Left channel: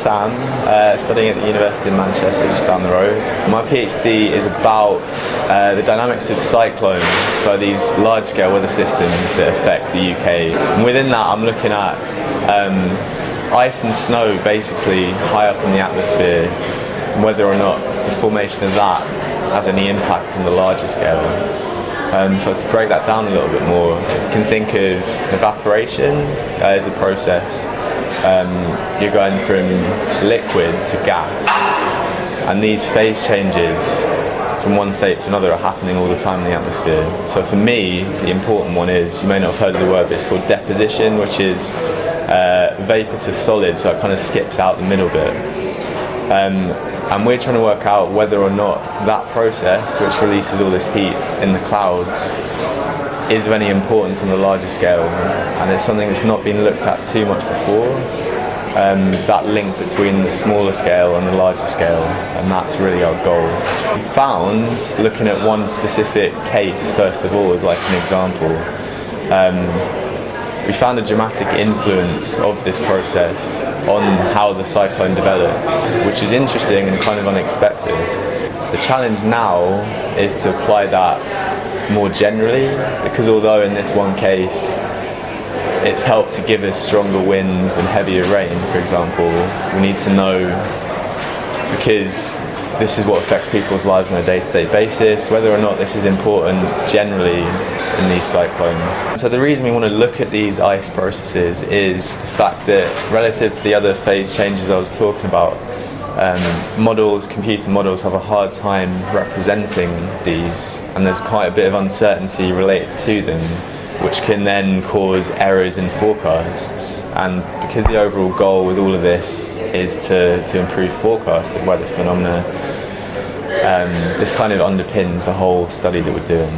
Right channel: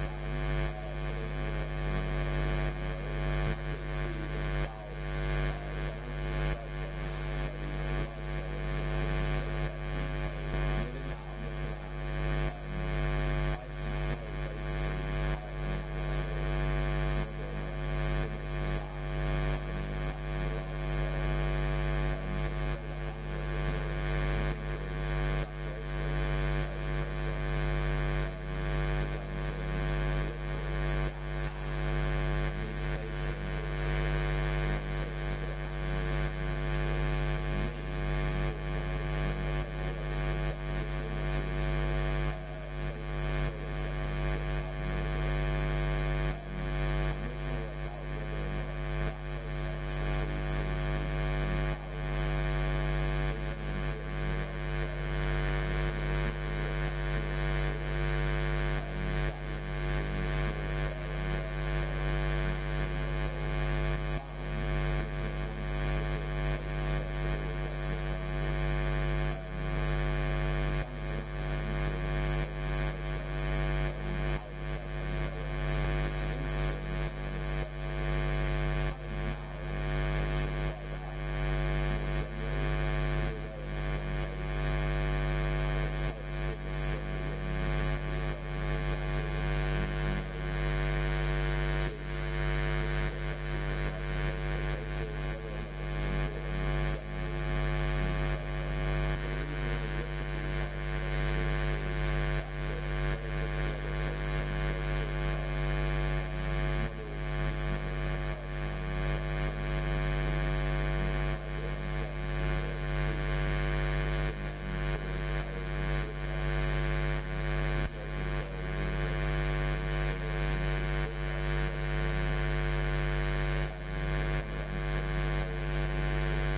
Sam, studying at the University of Manchester, just down the road. My PhD is about the dynamics of cyclones, so these large-scale weather systems that affect the UK. And within that, I'm looking at ice and snow basically high up in the atmosphere, and whether or not the formation of that has any impact on the larger scale. So to break that down a little bit more, you can think of evaporation as a process. You're going from liquid to gas, and these phase changes from one state to another are happening all the time in the atmosphere. So for me, the important one is, you may not have heard of the word, but it's called deposition, which is vapor to solid, so it kind of skips out the middle bit. And we're trying to work out whether or not that process, which releases all this heat in the clouds, is of any importance on the larger scale. And it's something that's not been looked at too much before, that link between the smaller scale and the larger scale, and that's really our goal. We found, looking at one specific case first of all as like an example, we found a dramatic influence of this process on how the cyclone develops, which is interesting and kind of unexpected. The challenge now is to apply that more generally, because although in this one case it's helped to give us stronger winds and heavier rain, for example, we need to know, because this is what affects people's lives on a day-to-day basis, whether or not this is important generally in these cyclones. So the reason we want to look at these ice processes is the fact that relative to the other phase changes I was talking about, computer models have a hard time representing these, and there's quite a bit of uncertainty related to them, which can then cause errors in forecasts. And because the overall goal with all of this is to improve forecasts of weather phenomena, this kind of underpins the whole study that we're doing.